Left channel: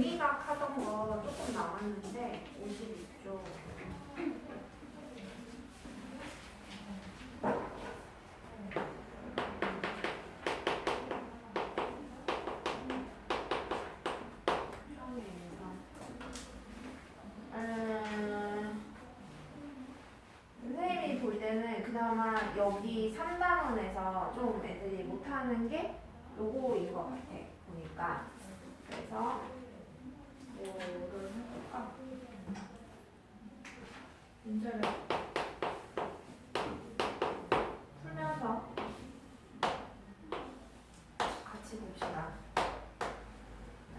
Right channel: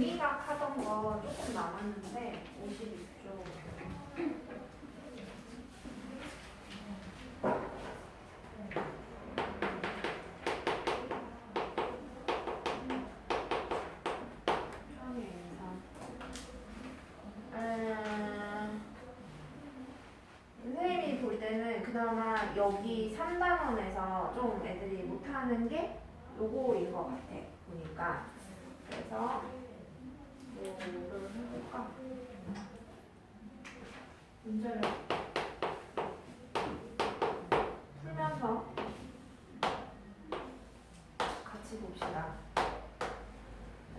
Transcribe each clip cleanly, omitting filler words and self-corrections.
미각 하던 거 조금 남았는데 52쪽. 선생님이 볼 때는 그나마 여기 3단원에서 좀 애들이 못하는 게 요거인 것 같아 보니까. 그래서 뭐를 해볼까? 문제를 풀면서 같이 봅시다.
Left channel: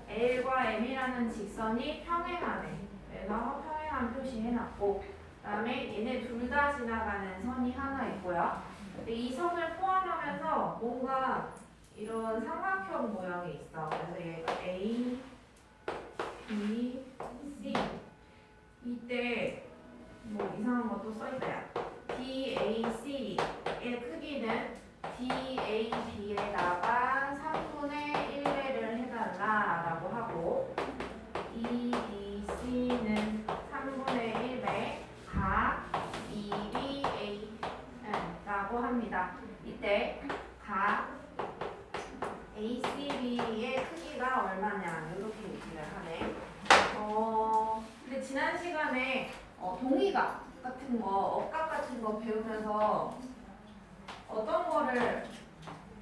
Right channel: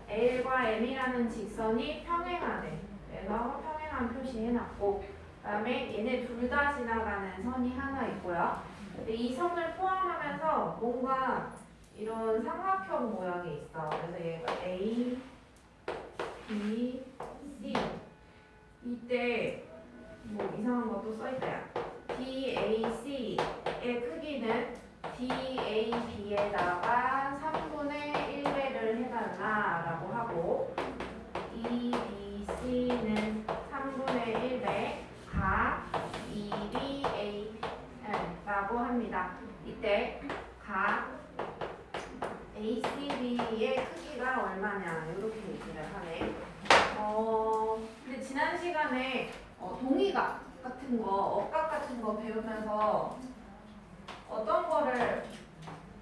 L과 M이라는 직선이 평행하네. 그래서 평행한 표시해놨고, 그 다음에 얘네 둘 다 지나가는 선이 하나 있고요. 근데 이 선을 포함하면서 뭔가 이런 삼각형 모양이 있어. 그래서 얘가 A, B, C. 이때 뭐 이상한 것도 써있다. DAC의 크기는 DAB에다가 3분의 1배를 해달라 라고 하고, EBC는 3분의 1배 각 EBA 라고 합니다. 이때 각 ACB의 크기가 얼마냐 이렇게 얘기를 하네. 근데 지난 시간에 동의각 같은 거, 억각 같은 거 배우면서 어떤 거를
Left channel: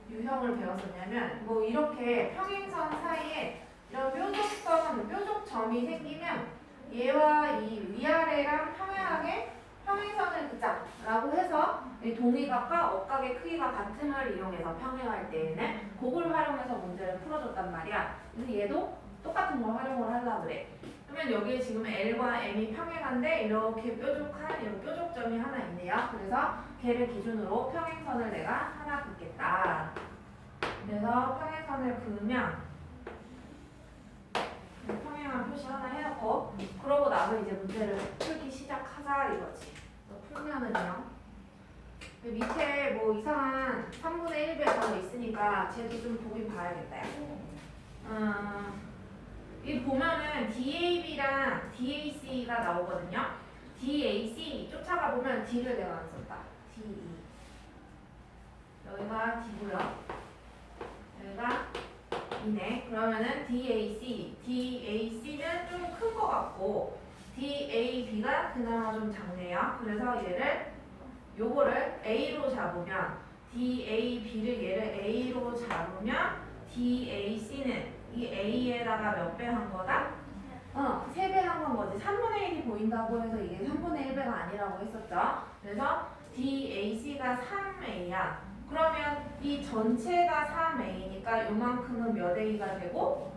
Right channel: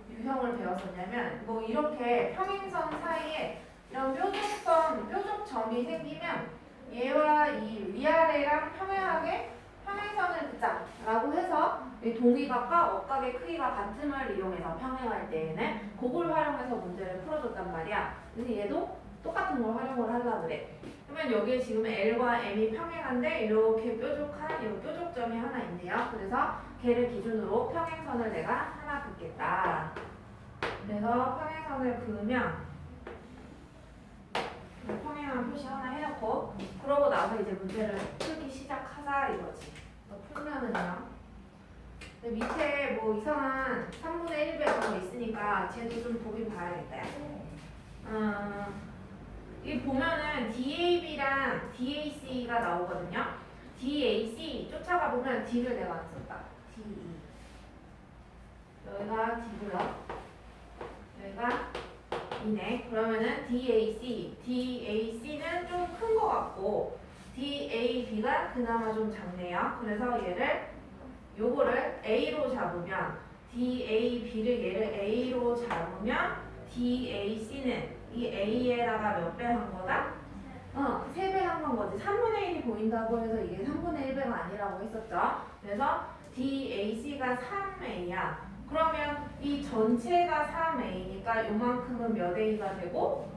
유형을 배웠었냐면, 뭐 이렇게 평행선 사이에 이런 뾰족점이 생기면 얘와 이 위아래랑 평행하게 평행선을 긋자라고 해서 이 동의각과 억각의 크기가 같음을 이용해서 평행할 때에는 그걸 활용해서 문제를 풀어줬단 말이야. 그래서 얘도 똑같은 걸 활용을 하려고 그래. 그러면 여기에 지금 L과 M이 평행한데 이렇게 뾰족한 이 뾰족점이 하나 있네요. 그래서 걔를 기준으로 평행선을 내가 하나 긋겠다. 그래서 평행선을 그으면 평행한 표시 하나 해놓고, 그러고 나서 이제 문제를 풀기 시작하자 이거지. 풀면은요. 밑에 뭐 이상한 3분의 1배 이런 거 있으니까 쟤도 좀 보긴 봐야겠다. 이 보면은 DAB랑 DAC가 나오거든요. DAC 쫓아가 보면 D를 내가 안 썼다. DE. 여기가 D고요. 여기가 E네. 그러면은 DAC는 좀 큰 거 같고 DAB가 그나마 좀 작네요. 그래서 요거를 A로 잡으면 DAB를 얘를 A로 잡으면 DAC는 이 A에다가 몇 배 한 거다? 3배 한 건 거지. 3분의 1이 보인다고 해서 이게 3분의 1배가 아니라고 했었죠. 그래서 DAC가 3A야. 그러면 이 전체가 3A니까 요만큼은 몇 A가 되고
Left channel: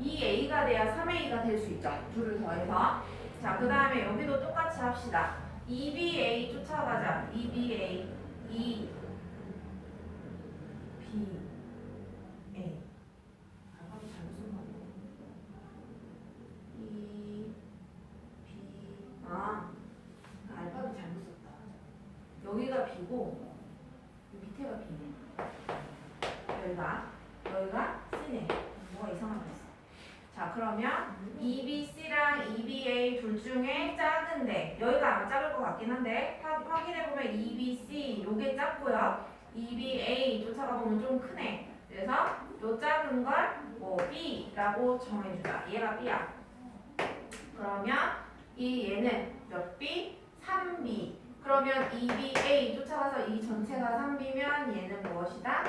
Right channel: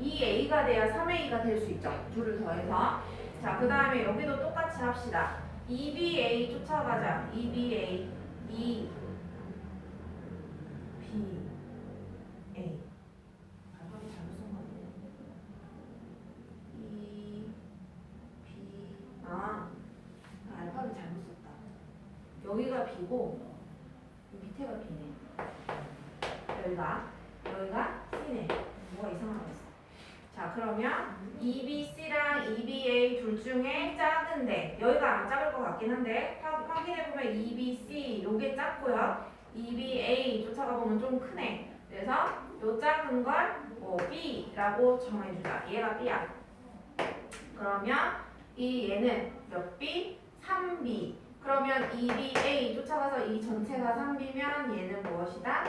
2A가 돼야 3A가 될 수 있죠. 둘을 더해서. 자, 그 다음에 여기도 똑같이 합시다. EBA 쫓아가자. EBA, E, B, A. 알파벳 잘못 쓴가 보네. E, B, 알파벳 잘못 썼다. 여기가 B고 밑에가 B네. 여기가 C네. 뭐가 이상한 거 있어. 자, 그러면 EBC랑 EBA 둘 중에 작은데, 여기가 아마 작을 것 같긴 한데 확인해보면 EBC 요게 작고요. EBA 쫓아가 보면 좀 크네. 그래서 요 작은 걸 뭐 B라고 정해주자. 얘가 B야. 그러면 얘는 몇 B? 3B. 그러면 EBA 쫓아가서 이 전체가 3B면 얘는 무엇이다?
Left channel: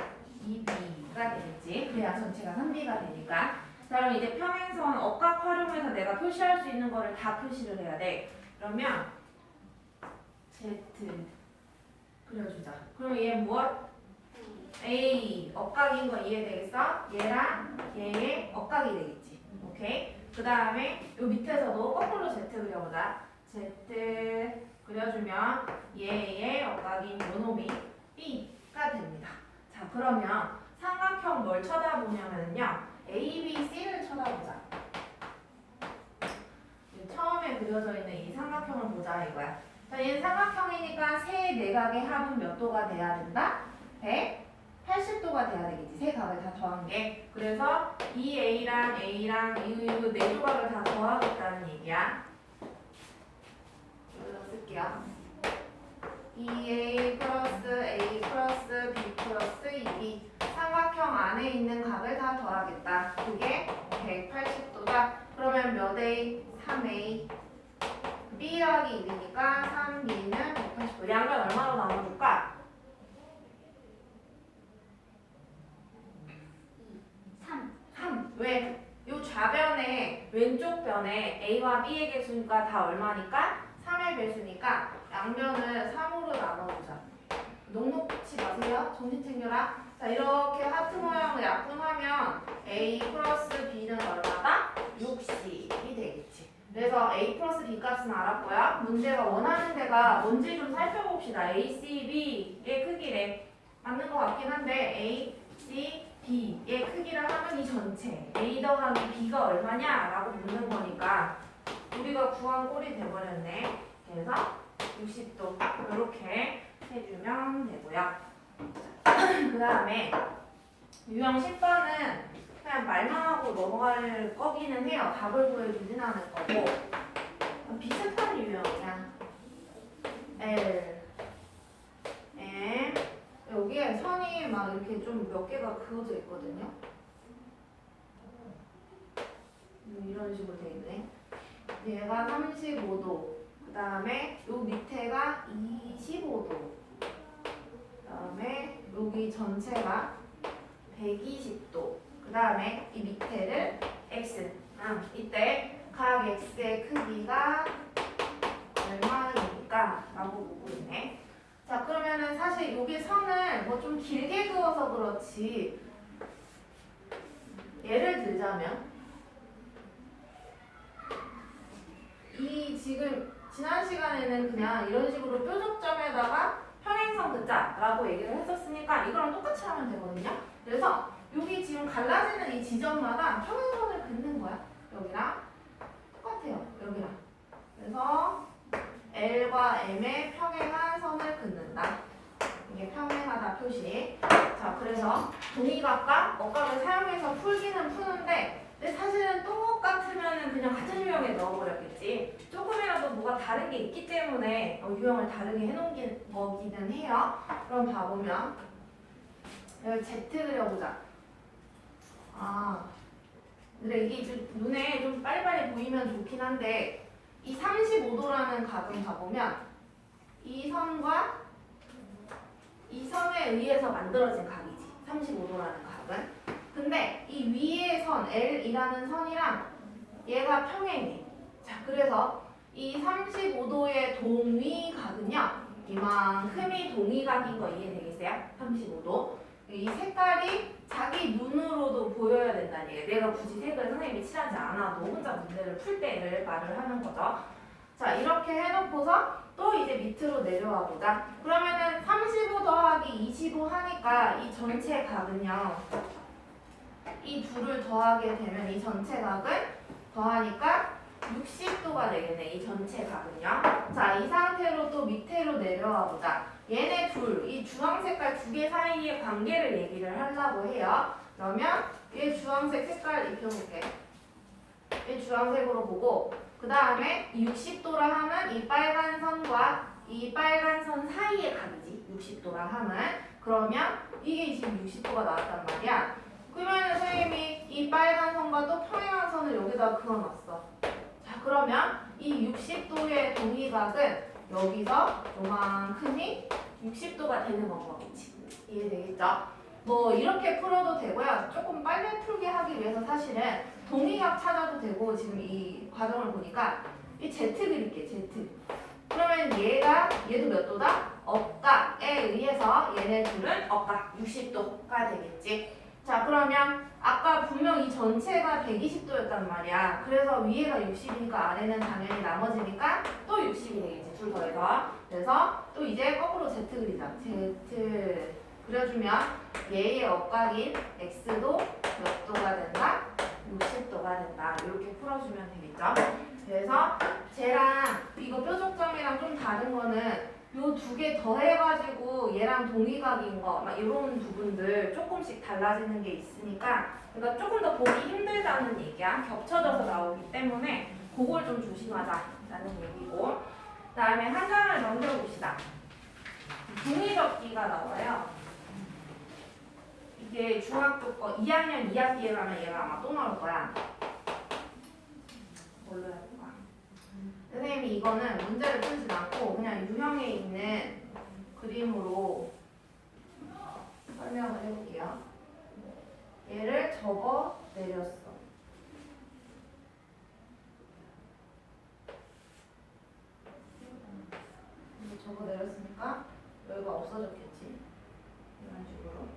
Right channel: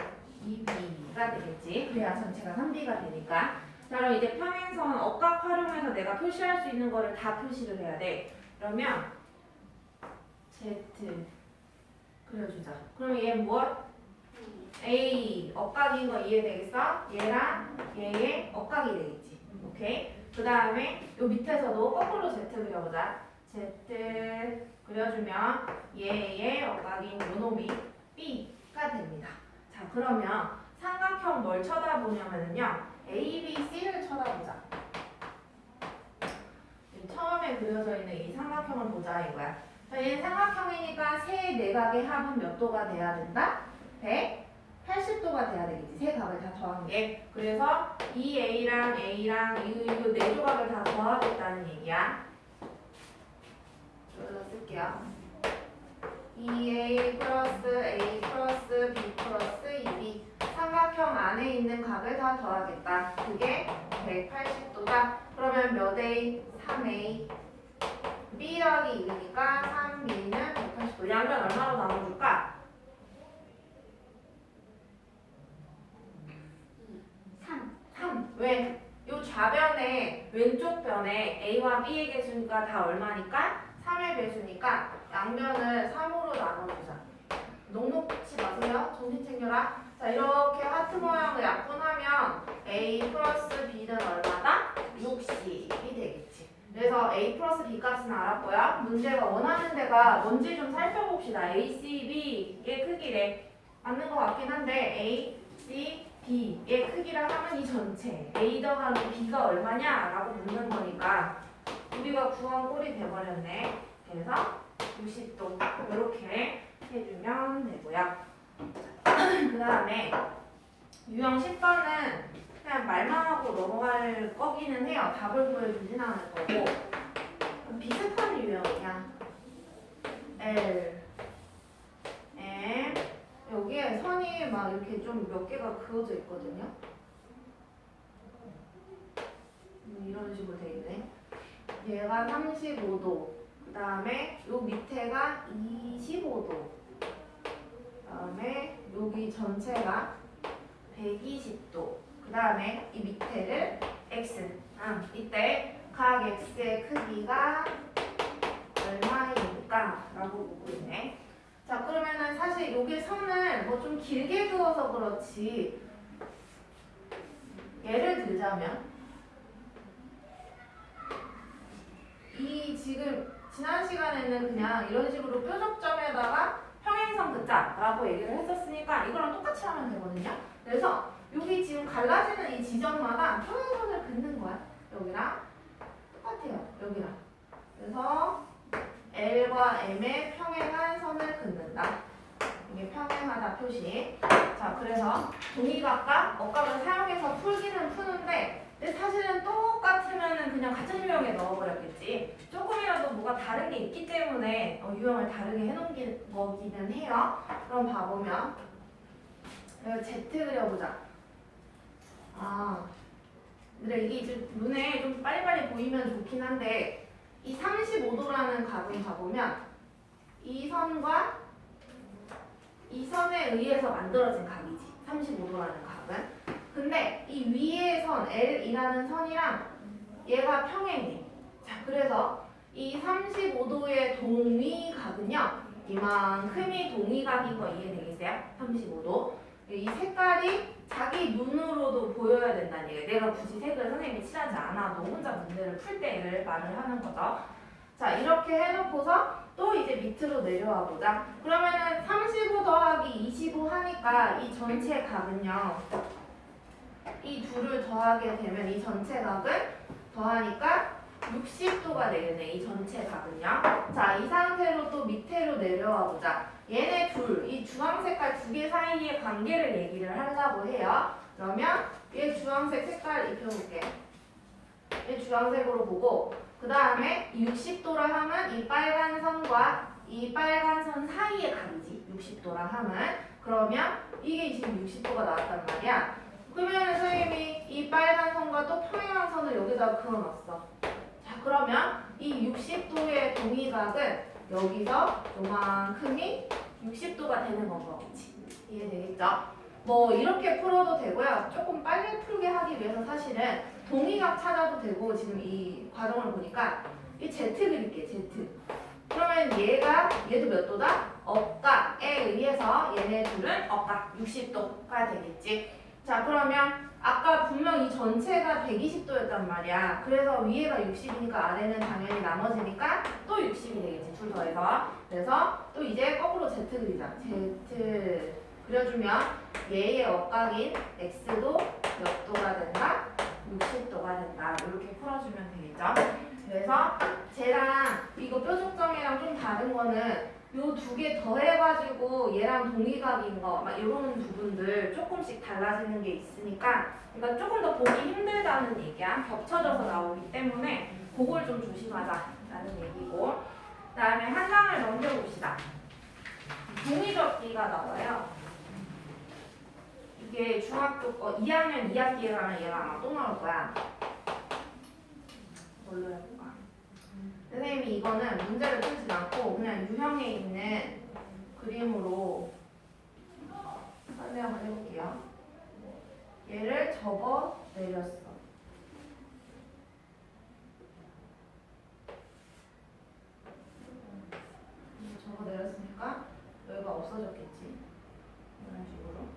2B가 되겠지. 그래야 전체가 3B가 되니까. 자, 그럼 이제 평행선 억각 활용해서 내가 표시할 수 있는 거를 다 표시를 해야 돼. 그러면 Z 그려주자. 그럼 얘 무엇? A 억각인 거 이해되겠어? 얘랑 얘의 억각이 되겠지. 오케이? 그 다음에 요 밑에서도 거꾸로 Z 그려보자. Z 그려주면 얘의 억각인 요놈이 B가 됩니다. 자, 그러면 삼각형 뭘 쳐다보냐면요. A, B, C를 쳐다보자. 처음에 그려져 있는 이 삼각형을 보자 이거야. 자, 얘는 삼각형이니까 세 내각의 합은 몇 도가 돼야 된다? 180 80도가 돼야 되겠지. 세 각을 다 더한 게. 그래서 이 A랑 A랑 이거 네 조각을 다 더하겠다는 얘기야. 여기다 쓸게요. 2A 플러스 A 플러스 B 플러스 2B 삼각형 안에 있는 각을 다 더하겠다. 그게 180도다. 그러면 몇 A? 3A. B 더하기 2니까 3B는 180도. 양변 얼마로 나눠줄까? 3. 왜? 요 좌변에 왼쪽 변에 A와 B의 개수가 다 얼마니까? 3의 배수니까 양변을 3으로 나눠보자. 녹록치 마세요. 정신 챙겨라. 자, 이렇게 하트 모양을 약분하면 A 플러스 B는 얼마다? 60이 되겠지. 그래서 A 플러스 B 값은 알았고요. 문제가 원하는 데가 뭔지 좀 살펴봅시다. A, C, B의 크기래. 맞는 것 같긴 한데 A, C, B의 크기라 하면 이 전체 A 더하기 B가 얼마냐? 라고 묻는 거니까 우리가 구한 꼴이 돼버렸네. 그래서 60도 이렇게 해주면 되고요. 그 다음에 유형 10번은 그냥 말만 하고 넘어갈 거기는 해요. 답을 보여주진 않을 거고 비슷한 유형이야. L, M 여기에 선이 막 이렇게 좀 몇 개가 그어져 있거든요. 이런 식으로 돼 있네. 얘가 35도. 그 다음에 요 밑에가 25도. 그 다음에 여기 전체가 120도. 그 다음에 이 밑에를 X. 이때 각 X의 크기가 얼마입니까? 라고 묻고 있네. 자, 그러면은 사실 여기 선을 뭐 좀 길게 그어서 그렇지. 예를 들자면 이 지금 지난 시간에는 그냥 이런 식으로 뾰족점에다가 평행선 긋자라고 얘기를 했었으니까 이거랑 똑같이 하면 되거든요. 그래서 여기 지금 갈라지는 이 지점마다 평행선을 긋는 거야. 여기랑 똑같아요. 여기랑. 그래서 L과 M의 평행한 선을 긋는다. 이게 평행하다 표시. 자, 그래서 동의각과 억각을 사용해서 풀기는 푸는데 근데 사실은 똑같으면은 그냥 같은 유형에 넣어버렸겠지. 조금이라도 뭐가 다른 게 있기 때문에 유형을 다르게 해놓은 거기는 해요. 그럼 봐보면 여기 Z 그려보자. 근데 이게 좀 눈에 좀 빨리빨리 보이면 좋긴 한데 이 35도라는 각은 봐보면 이 선과 이 선에 의해서 만들어진 각이지. 35도라는 각은. 근데 이 위의 선 L이라는 선이랑 얘가 평행해. 자, 그래서 이 35도의 동위각은요. 이만큼이 동위각인 거 이해되겠어요? 35도. 이 색깔이 자기 눈으로도 보여야 된다는 얘기예요. 내가 굳이 색을 선생님이 칠하지 않아도 혼자 문제를 풀 때를 말을 하는 거죠. 자, 이렇게 해놓고서 또 이제 밑으로 내려와 보자. 그러면은 35 더하기 25 하니까 이 전체 각은요. 이 둘을 더하게 되면 이 전체 각을 더하니까 60도가 되겠네. 이 전체 각은요. 자, 이 상태로 또 밑으로 내려와 보자. 얘네 둘, 이 주황 색깔 두 개 사이의 관계를 얘기를 하려고 해요. 그러면 얘 주황색 색깔 입혀볼게. 얘 주황색으로 보고 그 다음에 60도라 하면 이 빨간 선과 이 빨간 선 사이의 각이지. 60도라 하면 그러면 이게 지금 60도가 나왔단 말이야. 그러면 선생님이 이 빨간 선과 또 평행한 선을 여기다 그어놨어. 자, 그러면 이 60도의 동위각은 여기서 요만큼이 60도가 되는 거겠지. 이해되겠죠? 뭐 이렇게 풀어도 되고요. 조금 빨리 풀게 하기 위해서 사실은 동위각 찾아도 되고 지금 이 과정을 보니까 이 Z 그릴게. Z. 그러면 얘도 몇 도다? 억각에 의해서 얘네 둘은 억각 60도가 되겠지. 자, 그러면 아까 분명 이 전체가 120도였단 말이야. 그래서 위에가 60이니까 아래는 당연히 나머지니까 또 60이 되겠지. 둘 더해서. 그래서 또 이제 거꾸로 Z 그리자. Z 그려주면 얘의 억각인 X도 몇 도가 된다? 60도가 된다. 이렇게 풀어주면 되겠죠. 그래서 쟤랑 이거 뾰족점이랑 좀 다른 거는 요 두 개 더해가지고 얘랑 동의각인 거, 막 이런 부분들 조금씩 달라지는 게 있으니까, 그러니까 조금 더 보기 힘들다는 얘기야. 겹쳐져서 나오기 때문에 그걸 좀 조심하자라는 얘기고. 그다음에 한 장을 넘겨봅시다. 종이접기가 나와요. 이게 중학교 거 2학년 2학기에 가면 얘가 아마 또 나올 거야. 뭘로 해볼까? 선생님이 이거는 문제를 풀진 않고 그냥 유형에 있는 그림으로 설명을 해볼게요. 얘를 접어 내렸어. 접어 내렸으니까 여기가 없어졌겠지. 이런 식으로.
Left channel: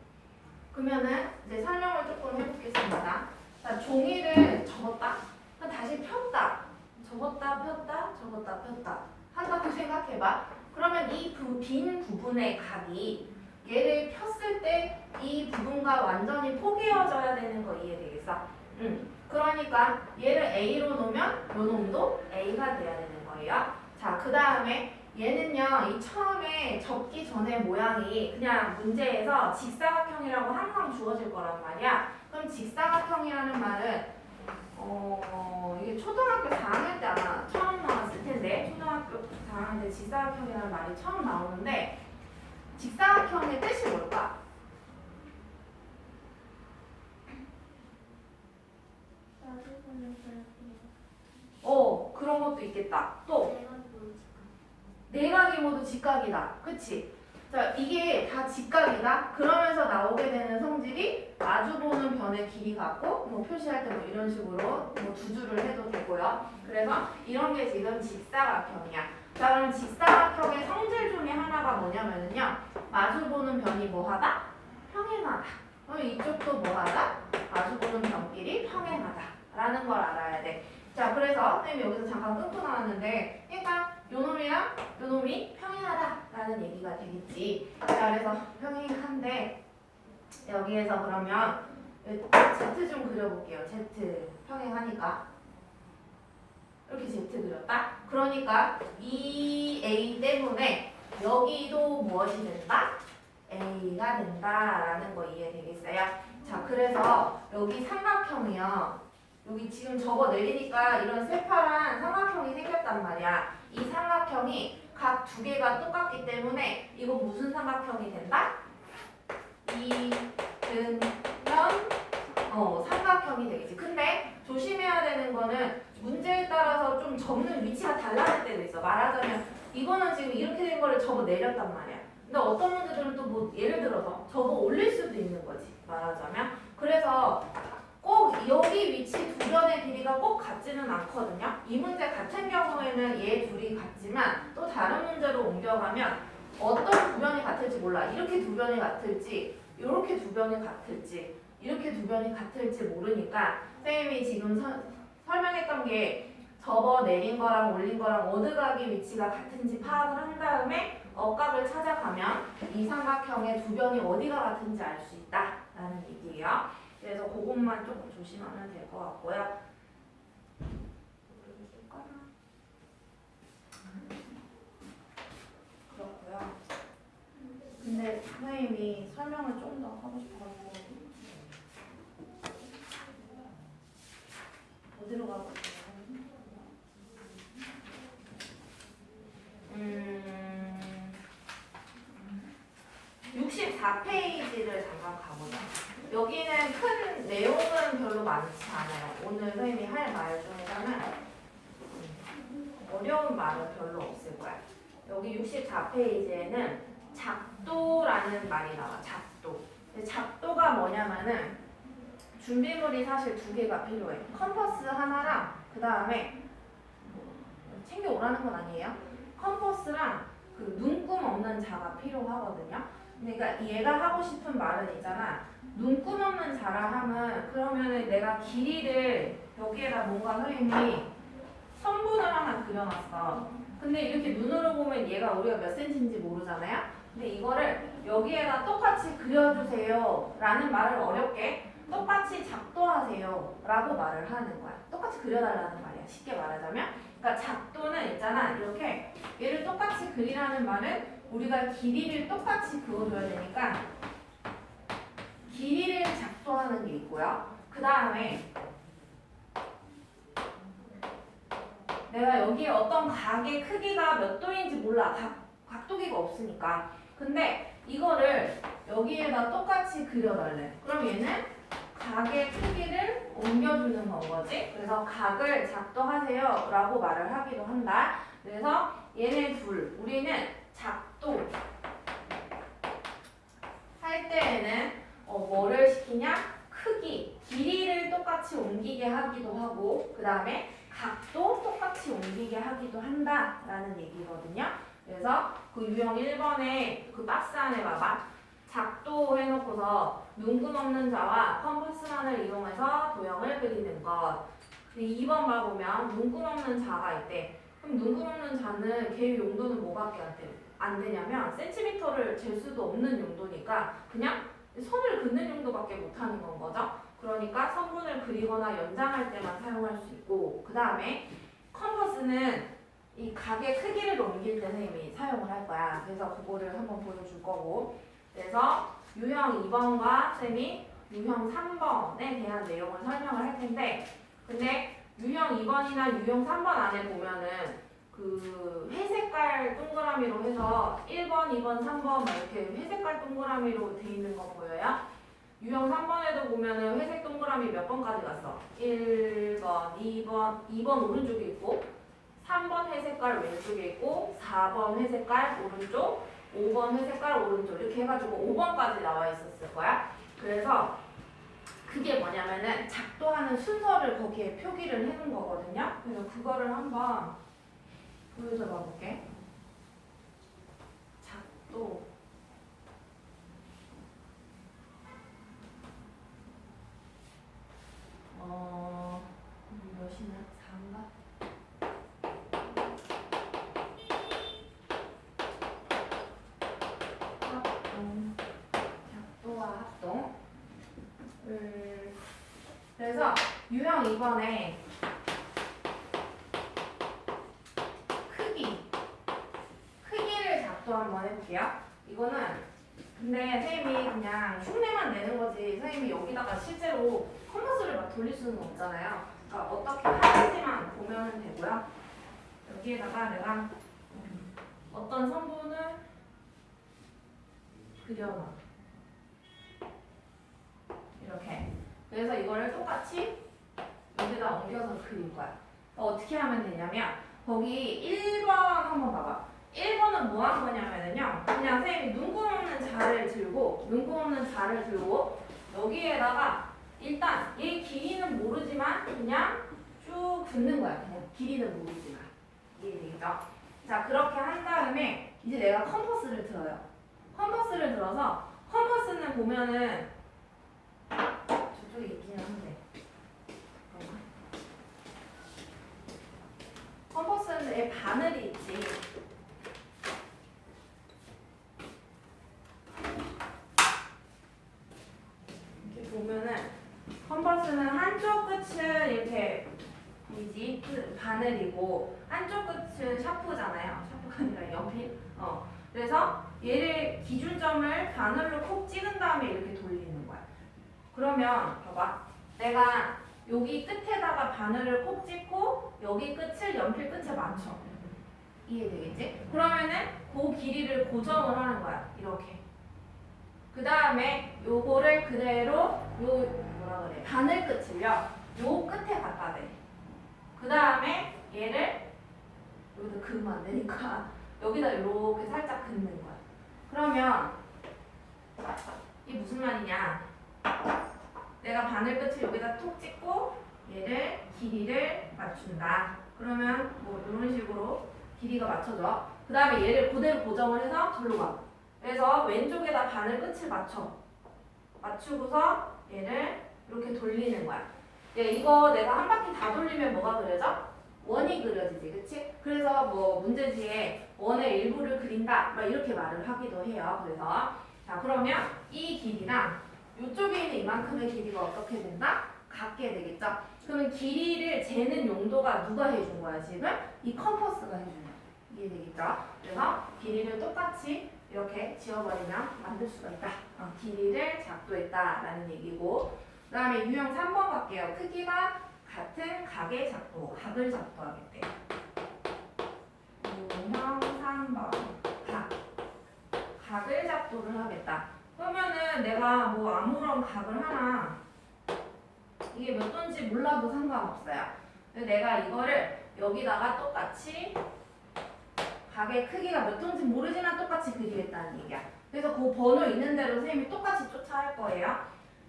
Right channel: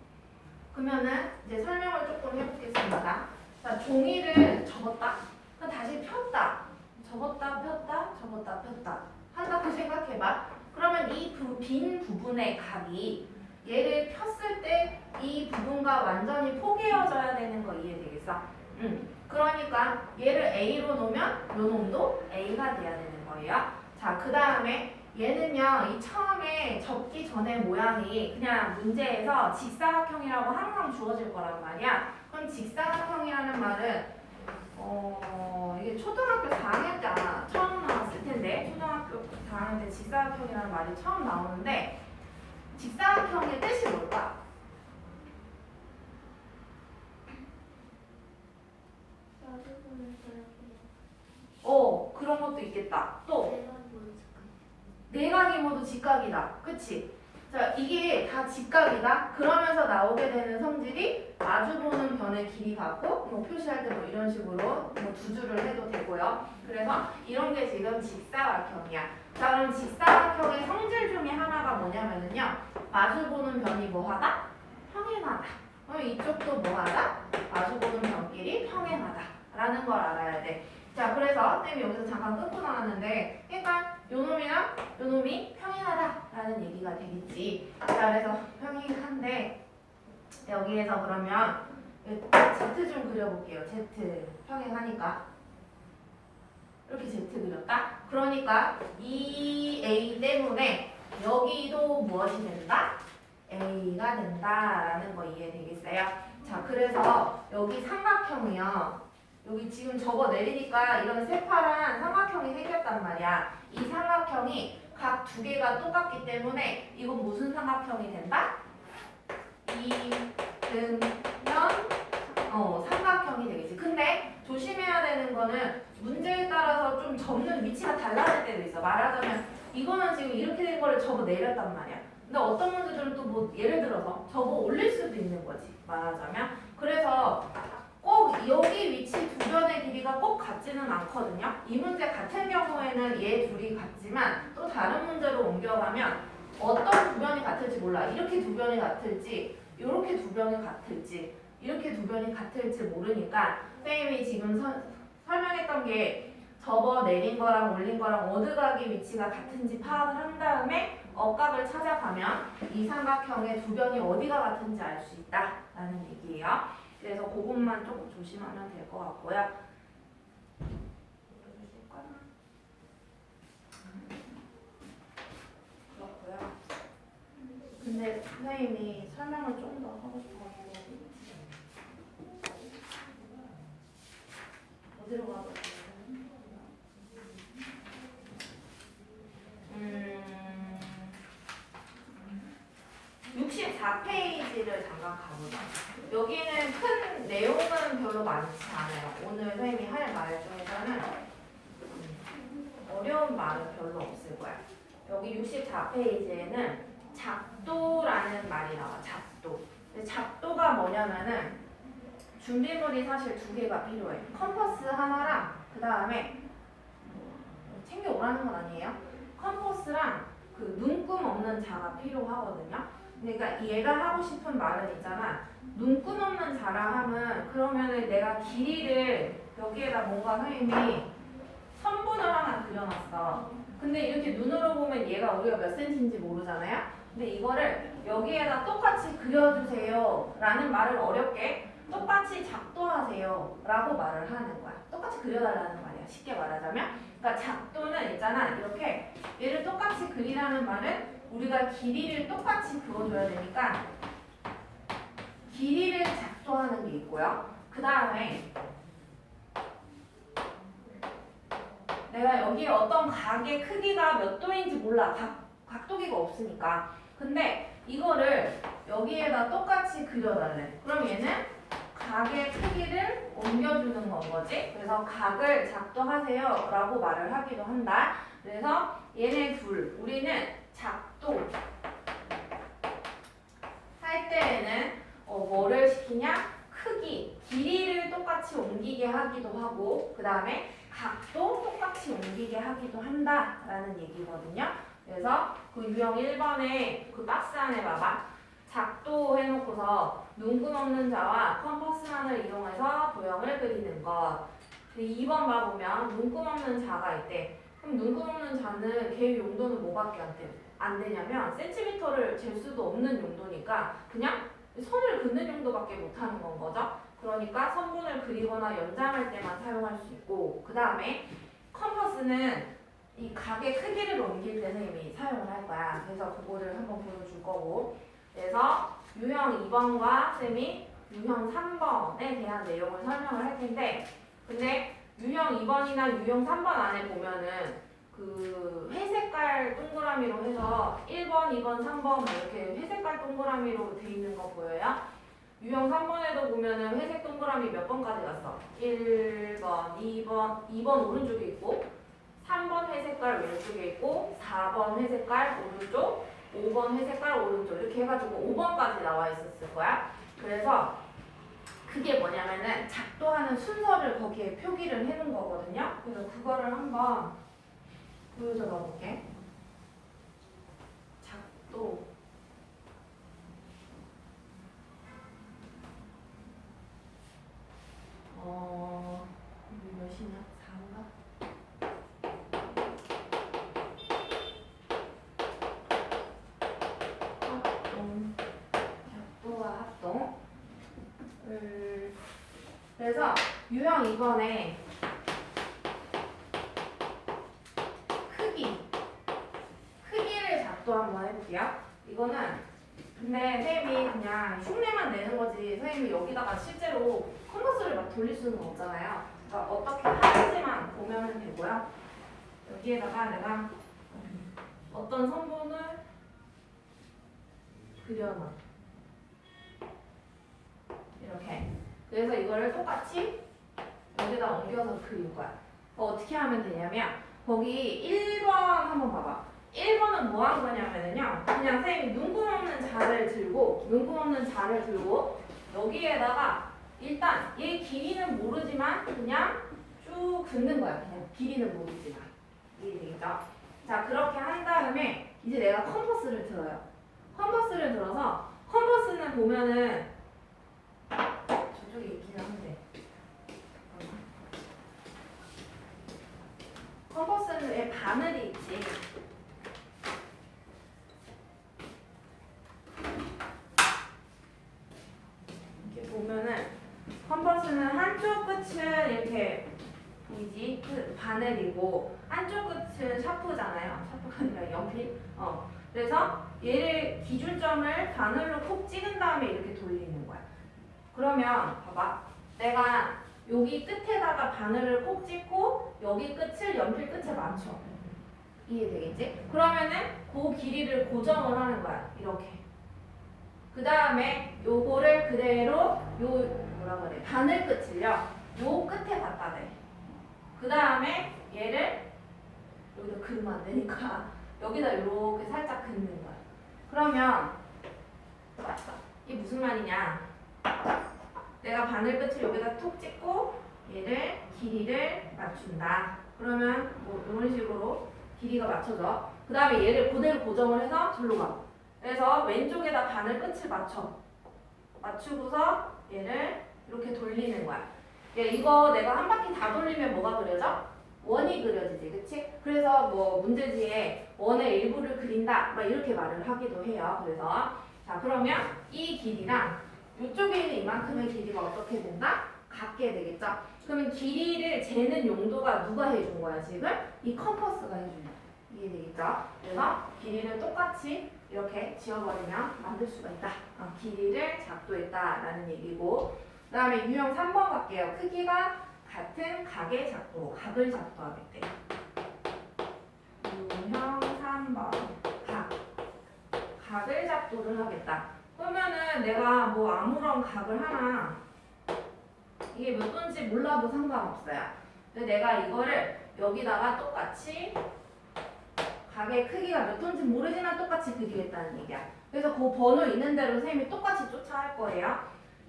그러면은 이제 설명을 조금 해보겠습니다. 자, 종이를 접었다. 그럼 다시 폈다. 접었다 폈다 접었다 폈다 한다고 생각해봐. 그러면 이 빈 부분의 값이 얘를 폈을 때 이 부분과 완전히 포개어져야 되는 거 이해되겠어? 그러니까 얘를 A로 놓으면 요 놈도 A가 돼야 되는 거예요. 자, 그 다음에 얘는요, 이 처음에 접기 전에 모양이 그냥 문제에서 직사각형이라고 항상 주어질 거란 말이야. 그럼 직사각형이라는 말은 이게 초등학교 4학년 때 아마 처음 나왔을 텐데, 초등학교 4학년 때 직사각형이라는 말이 처음 나오는데, 직사각형의 뜻이 뭘까? 그런 것도 있겠다. 또 내각이 모두 직각이다. 그치? 자, 이게 다 직각이다. 그러면서 나오게 되는 성질이 마주보는 변의 길이 같고, 뭐 표시할 때 뭐 이런 식으로 뭐 두 줄을 해도 되고요. 그래서 이런 게 지금 직사각형이야. 자, 그럼 직사각형의 성질 중에 하나가 뭐냐면요, 마주보는 변이 뭐하다? 평행하다. 그럼 이쪽도 뭐하다? 마주보는 변끼리 평행하다. 라는 걸 알아야 돼. 자, 그래서 선생님이 여기서 잠깐 끊고 나왔는데, 그러니까 요놈이랑 요놈이 평행하다라는 얘기가 되겠지. 자, 그래서 평행한데 여기에서 그러면 Z 좀 그려볼게요. Z 평행하니까 이렇게 Z 그렸다. 그러니까 이 A 때문에 여기도 무엇이 된다? A가 된다라는 거 이해되겠어요? 자, 그래서 여기 삼각형이요. 여기 지금 접어 내리니까 이런 새파란 삼각형이 생겼단 말이야. 이 삼각형이 각 두 개가 똑같기 때문에 이건 무슨 삼각형이 된다? 이등변 삼각형이 되겠지. 근데 조심해야 되는 거는 문제에 따라서 좀 접는 위치가 달라질 때도 있어. 말하자면 이거는 지금 이렇게 된 거를 접어 내렸단 말이야. 근데 어떤 문제들은 또 뭐 예를 들어서 접어 올릴 수도 있는 거지. 말하자면. 그래서 꼭 여기 위치 두 변의 길이가 꼭 같지는 않거든요. 이 문제 같은 경우에는 얘 둘이 같지만 또 다른 문제로 옮겨가면 어떤 두 변이 같을지 몰라. 이렇게 두 변이 같을지, 이렇게 두 변이 같을지, 이렇게 두 변이 같을지 모르니까 선생님이 지금 설명했던 게 접어 내린 거랑 올린 거랑 어느 각의 위치가 같은지 파악을 한 다음에 억각을 찾아가면 이 삼각형의 두 변이 어디가 같은지 알 수 있다라는 얘기예요. 그래서 그것만 조금 조심하면 될 것 같고요. 그렇고요. 근데 선생님이 설명을 좀 더 하고 싶어가지고 어디로 가고 있어요? 64페이지를 잠깐 가보자. 여기는 큰 내용은 별로 많지 않아요. 오늘 선생님이 할 말 중에서는 어려운 말은 별로 없을 거야. 여기 64페이지에는 작도라는 말이 나와. 작도. 근데 작도가 뭐냐면은 준비물이 사실 두 개가 필요해. 컴퍼스 하나랑 그 다음에 챙겨오라는 건 아니에요. 컴퍼스랑 그 눈금 없는 자가 필요하거든요. 그러니까 얘가 하고 싶은 말은 있잖아. 눈금 없는 자라 하면 그러면은 내가 길이를 여기에다 뭔가 선생님이 선분을 하나 그려놨어. 근데 이렇게 눈으로 보면 얘가 우리가 몇 센치인지 모르잖아요. 근데 이거를 여기에다 똑같이 그려주세요 라는 말을 어렵게 똑같이 작도하세요 라고 말을 하는 거야. 똑같이 그려달라는 말이야. 쉽게 말하자면. 그러니까 작도는 있잖아. 이렇게 얘를 똑같이 그리라는 말은 우리가 길이를 똑같이 그어줘야 되니까 길이를 작도하는 게 있고요. 그 다음에 내가 여기에 어떤 각의 크기가 몇 도인지 몰라. 각도기가 없으니까. 근데 이거를 여기에다 똑같이 그려달래. 그럼 얘는 각의 크기를 옮겨주는 건 거지. 그래서 각을 작도하세요 라고 말을 하기도 한다. 그래서 얘네 둘, 우리는 작도 할 때에는 뭐를 시키냐? 크기, 길이를 똑같이 옮기게 하기도 하고 그 다음에 각도 똑같이 옮기게 하기도 한다라는 얘기거든요. 그래서 그 유형 1번에 그 박스 안에 봐봐. 작도 해놓고서 눈금 없는 자와 컴퍼스란을 이용해서 도형을 그리는 것. 2번 봐보면 눈금 없는 자가 있대. 그럼 눈금 없는 자는 걔 용도는 뭐밖에 안 되냐면 센티미터를 잴 수도 없는 용도니까 그냥 선을 긋는 용도밖에 못하는 건 거죠. 그러니까 선분을 그리거나 연장할 때만 사용할 수 있고 그 다음에 컴퍼스는 이 각의 크기를 옮길 때 선생님이 사용을 할 거야. 그래서 그거를 한번 보여줄 거고 그래서 유형 2번과 쌤이 유형 3번에 대한 내용을 설명을 할 텐데 근데 유형 2번이나 유형 3번 안에 보면은 그 회색깔 동그라미로 해서 1번, 2번, 3번 이렇게 회색깔 동그라미로 돼 있는 거 보여요? 유형 3번에도 보면은 회색 동그라미 몇 번까지 갔어? 1번, 2번 오른쪽에 있고 3번 회색깔 왼쪽에 있고 4번 회색깔 오른쪽 5번 회색깔 오른쪽 이렇게 해가지고 5번까지 나와 있었을 거야. 그래서 그게 뭐냐면은 작도하는 순서를 거기에 표기를 해놓은 거거든요. 그래서 그거를 한번 보여줘 봐볼게. 작도 몇이냐? 4인가? 합동 작도와 합동 그래서 유형 2번에 크기를 작도 한번 해볼게요. 이거는 근데 쌤이 그냥 흉내만 내는 거지 선생님이 여기다가 실제로 컴퍼스를 막 돌릴 수는 없잖아요. 그러니까 어떻게 하는지만 보면 되고요. 여기에다가 내가 어떤 선분을 그려놔. 이렇게. 그래서 이거를 똑같이 여기다 옮겨서 그릴 거야. 어떻게 하면 되냐면 거기 1번 한번 봐봐. 1번은 뭐 한 거냐면요. 그냥 쌤이 눈금 없는 자를 들고 여기에다가 일단 얘 길이는 모르지만 그냥 쭉 긋는 거야. 그냥 길이는 모르지만. 이해되겠죠? 자, 그렇게 한 다음에 이제 내가 컴퍼스를 들어요. 컴퍼스를 들어서 컴퍼스는 보면은 저쪽에 있기는 한데 컴퍼스는 왜 바늘이 있지? 이렇게 보면은 컴퍼스는 한쪽 끝은 이렇게 보이지? 바늘이고 한쪽 끝은 샤프잖아요. 샤프가 아니라 연필. 그래서 얘를 기준점을 바늘로 콕 찍은 다음에 이렇게 돌리는 거야. 그러면 봐봐. 내가 여기 끝에다가 바늘을 콕 찍고 여기 끝을 연필 끝에 맞춰. 이해되겠지? 그러면은 그 길이를 고정을 하는 거야. 이렇게. 그 다음에 요거를 그대로 바늘 끝을요. 요 끝에 갖다 대. 그 다음에 얘를 여기다 그으면 안 되니까 여기다 이렇게 살짝 긋는 거야. 그러면 이게 무슨 말이냐? 내가 바늘 끝을 여기다 톡 찍고 얘를 길이를 맞춘다. 그러면 뭐 이런 식으로 길이가 맞춰져. 그 다음에 얘를 그대로 고정을 해서 절로 가. 그래서 왼쪽에다 바늘 끝을 맞추고서 얘를 이렇게 돌리는 거야. 이거 내가 한 바퀴 다 돌리면 뭐가 그려져? 원이 그려지지, 그치? 그래서 뭐 문제지에 원의 일부를 그린다 막 이렇게 말을 하기도 해요. 그래서 자, 그러면 이 길이랑 이쪽에 있는 이만큼의 길이가 어떻게 된다? 같게 되겠죠? 그러면 길이를 재는 용도가 누가 해준 거야 지금? 이 컴퍼스가 해준 거야. 이해되겠죠? 그래서 길이를 똑같이 이렇게 지워버리면 만들 수가 있다. 길이를 작도했다라는 얘기고, 그 다음에 유형 3번 갈게요. 크기가 같은 각의 작도, 각을 작도하겠대. 유형 3번 각을 작도를 하겠다. 그러면은 내가 뭐 아무런 각을 하나, 이게 몇 도인지 몰라도 상관없어요. 근데 내가 이거를 여기다가 똑같이 각의 크기가 몇 도인지 모르지만 똑같이 그리겠다는 얘기야. 그래서 그 번호 있는 대로 선생님이 똑같이 쫓아할 거예요.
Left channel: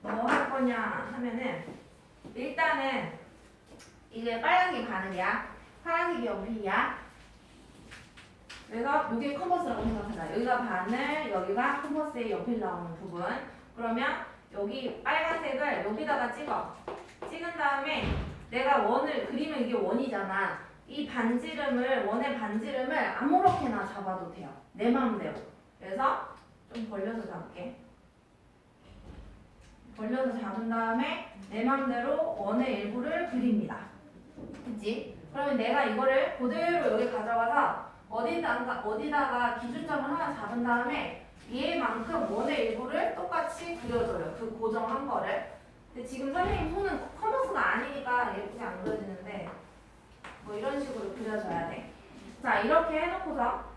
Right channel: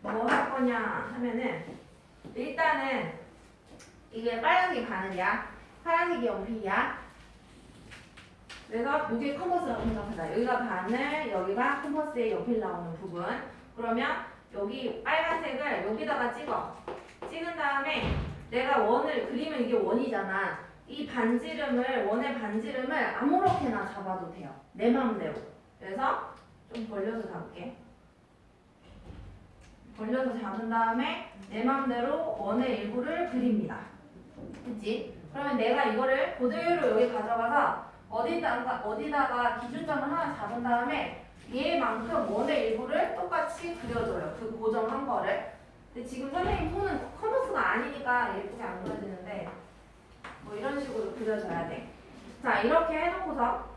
뭐 할 거냐 하면은, 일단은 이게 빨간색이 바늘이야, 파란색이 연필이야. 그래서 이게 컴퍼스라고 생각하자. 여기가 바늘, 여기가 컴퍼스의 연필 나오는 부분. 그러면 여기 빨간색을 여기다가 찍어. 찍은 다음에 내가 원을 그리면 이게 원이잖아. 이 반지름을, 원의 반지름을 아무렇게나 잡아도 돼요. 내 마음대로. 그래서 좀 벌려서 잡을게. 벌려서 잡은 다음에 내 마음대로 원의 일부를 그립니다. 그치? 그러면 내가 이거를 그대로 여기 가져가서 어디다가 기준점을 하나 잡은 다음에 얘만큼 원의 일부를 똑같이 그려줘요. 그 고정한 거를. 근데 지금 선생님 손은 컴퍼스가 아니니까 예쁘게 안 그려지는데 뭐 이런 식으로 그려줘야 돼. 자, 이렇게 해놓고서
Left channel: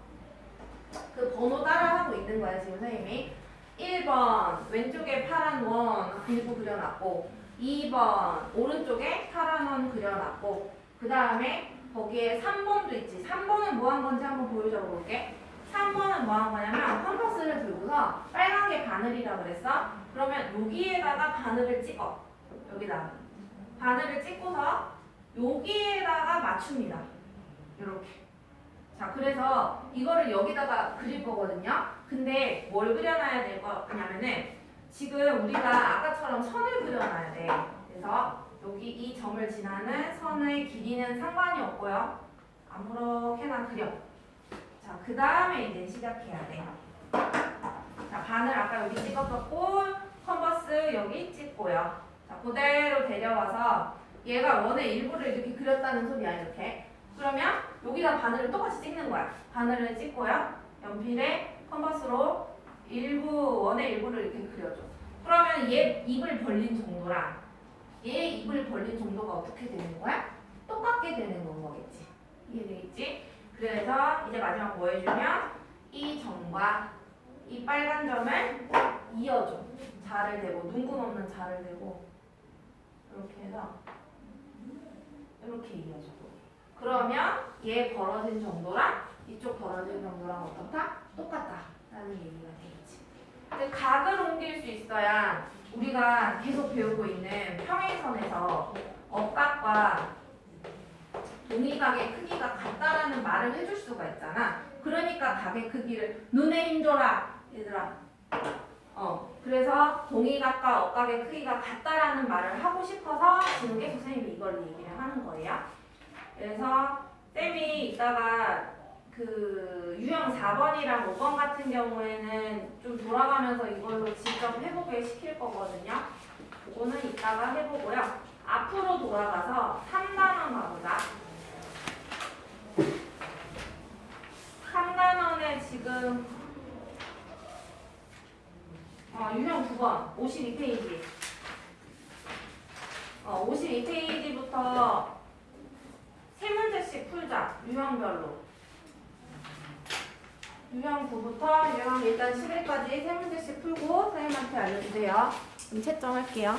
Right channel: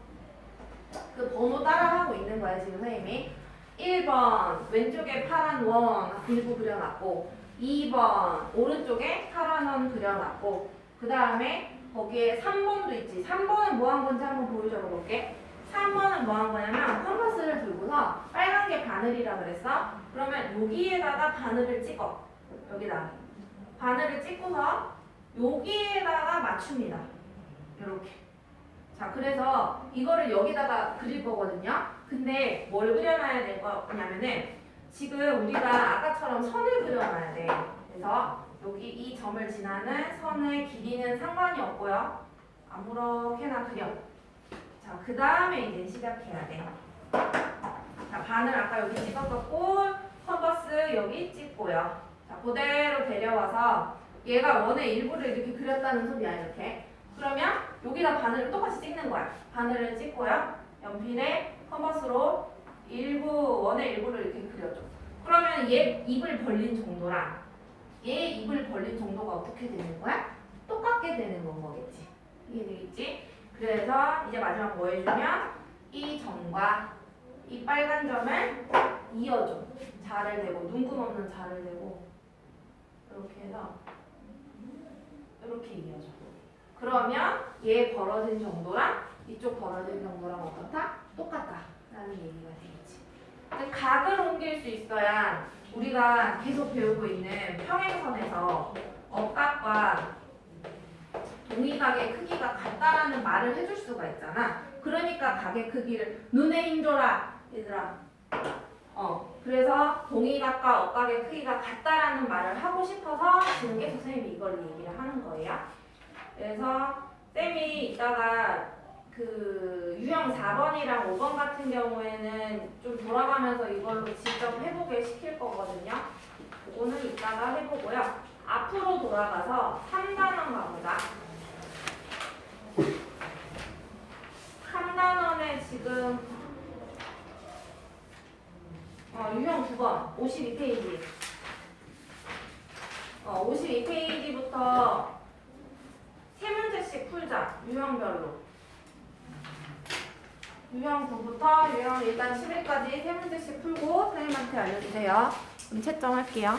그 번호 따라하고 있는 거야 지금 선생님이. 1번 왼쪽에 파란 원 일부 그려놨고, 2번 오른쪽에 파란 원 그려놨고, 그 다음에 거기에 3번도 있지. 3번은 뭐 한 건지 한번 보여줘 볼게. 3번은 뭐 한 거냐면 컴퍼스를 들고서 빨간 게 바늘이라 그랬어. 그러면 여기에다가 바늘을 찍어. 여기다가 바늘을 찍고서 여기에다가 맞춥니다. 이렇게. 자, 그래서 이거를 여기다가 그릴 거거든요. 근데 뭘 그려놔야 될 거냐면은 지금 우리가 아까처럼 선을 그려놔야 돼. 그래서 여기 이 점을 지나는 선의 길이는 상관이 없고요. 아무렇게나 그려. 자, 그 다음에 이제 시작해야 돼. 자, 바늘 아까 여기 찍었었고, 컴퍼스 여기 찍고요. 자, 그대로 데려와서 얘가 원의 일부를 이렇게 그렸다는 소리야, 이렇게. 그러면 여기다 바늘을 똑같이 찍는 거야. 바늘을 찍고요. 연필에 컴퍼스로 원의 일부를 이렇게 그려줘. 그러면 얘 입을 벌린 정도랑 얘 입을 벌린 정도가 어떻게 되는 거야? 똑같게 되는 건 거겠지. 이해되겠지? 그래서 이제 마지막 뭐 해주면 이 점과 이 빨간 점을 이어줘. 자를 대고, 눈금 없는 자를 대고 이렇게 해서 이렇게 이어줘. 그러면 얘 벌어진 정도랑 이쪽 벌어진 정도랑 어떻다? 똑같다라는 얘기가 되겠지. 근데 각을 옮길 수 있어야 우리가 계속 배우고 있는 평행선에서 억각과 동의각의 크기가 같다라는 말을 해줄 수가 있잖아. 그러니까 각의 크기를 눈에 힘줘라 얘들아. 그래서 동의각과 억각의 크기가 같다라는 말을 하고 싶어서 지금 계속 선생님이 이걸 얘기를 하는 거예요. 그래서 쌤이 이따가 그 유형 4번이랑 5번 같은 경우에는 좀 돌아가면서 이걸로 직접 해보게 시킬 거거든요. 그거는 이따가 해보고요. 앞으로 돌아가서 3단원 가보자. 3단원에 지금 유형 9번 52페이지 52페이지부터 세 문제씩 풀자. 유형별로. 유형 9부터 유형 일단 11까지 세 문제씩 풀고 선생님한테 알려주세요. 그럼 채점할게요.